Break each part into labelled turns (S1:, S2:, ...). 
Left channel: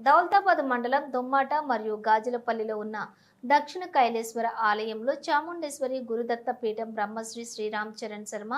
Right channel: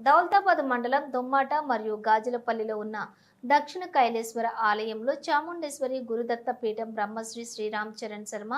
S1: దౌలతాబాద్ మండలం దొమ్మాట మరియు గాజులపల్లిలో ఉన్న దక్షిణ కైలేశ్వర ఆలయంలో చాముండేశ్వరి గురుదత్త పీఠం బ్రహ్మశ్రీ శ్రీరామ్ చరణ్ శర్మ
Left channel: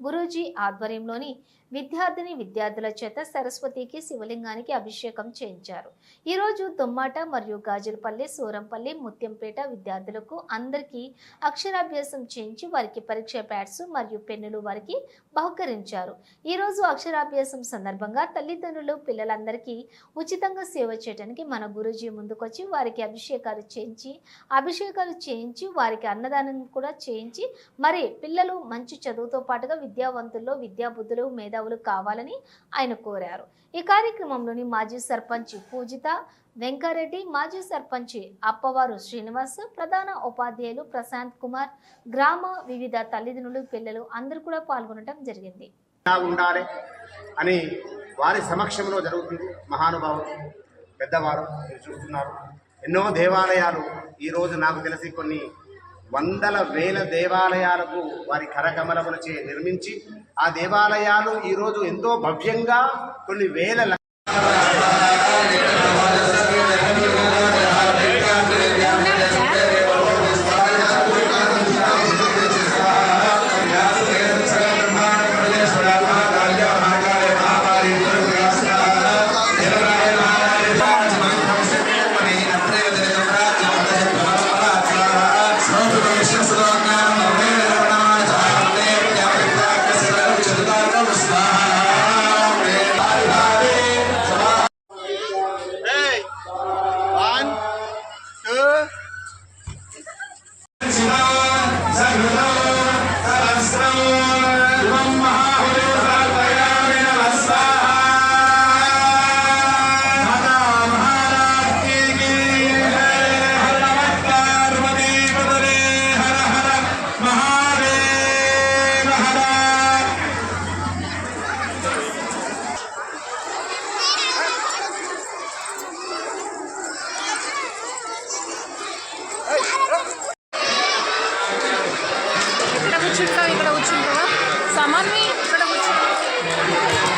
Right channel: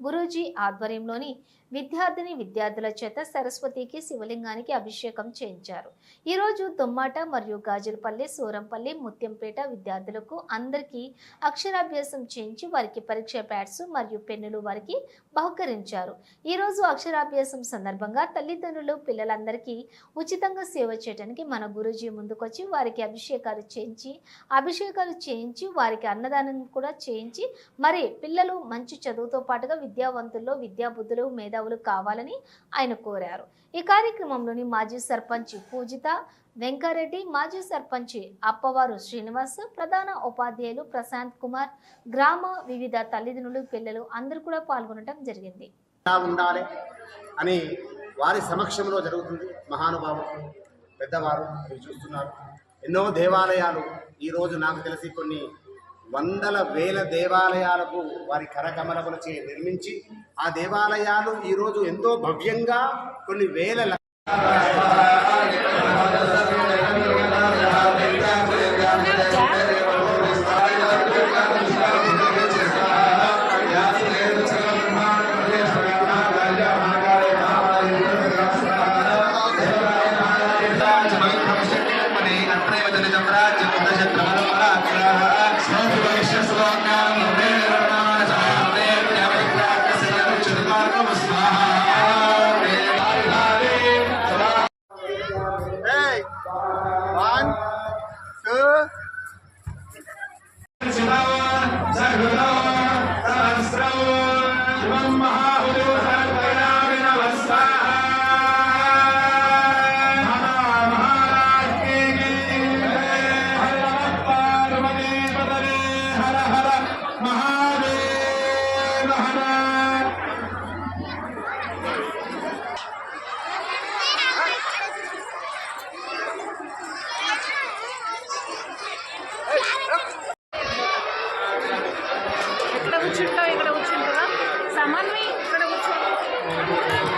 S1: గురూజీ ఆధ్వర్యంలోని విద్యార్థిని విద్యార్థుల చేత సరస్వతికి శివలింగానికి అభిషేకం చేయించారు. ఈరోజు దుమ్మాట మరియు గాజులపల్లి సూరంపల్లి ముత్యంపేట విద్యార్థులకు అందరికీ అక్షరాభ్యాసం చేయించి వారికి పరీక్ష ప్యాడ్స్ మరియు పెన్నులు వారికి బహుకరించారు. ఈరోజు అక్షరాభ్యాసం సందర్భంగా తల్లిదండ్రులు పిల్లలందరికీ ఉచితంగా సేవ చేయడానికి మన గురూజీ ముందుకొచ్చి వారికి అభిషేకాలు చేయించి అభిషేకాలు చేయించి వారికి అన్నదానం కూడా చేయించి మరి పిల్లలు మంచి చదువుతో పాటుగా విద్యావంతుల్లో విద్యాబుద్ధులు మేధావులు కావాలని ఆయన కోరారు. ఈ కార్యక్రమంలోని మాజీ సర్పంచ్ పూజిత వెంకారెడ్డి మాజీ సర్పంచ్ అప్పవారు శ్రీనివాస్ ప్రధాన ఉపాధ్యాయులు ప్రశాంత్ కుమార్ గ్రామ వివిధ తల్లిదండ్రులు పిల్లలు అందరూ కూడా పాల్గొనడం జరిగింది.
S2: ఉండాలి అని వారి సమక్షంలో జరుగుతుంది మహానుభావులు పెద్దవారు మీరు చూస్తున్నారు. ఎన్నో దేవాలయాలు ఈరోజు నాకు తెలిసి కొన్ని వందల వేల దేవాలయాలకు వారి కరకమలములచే నిర్మించి ఆ దేవాలయాలు ఈరోజు ఎంతో భవ్యంగా కొన్ని వేల సురక్షితగా ఇక్కడ వచ్చిందో సమన్వి
S3: ఇక్కడ వచ్చింది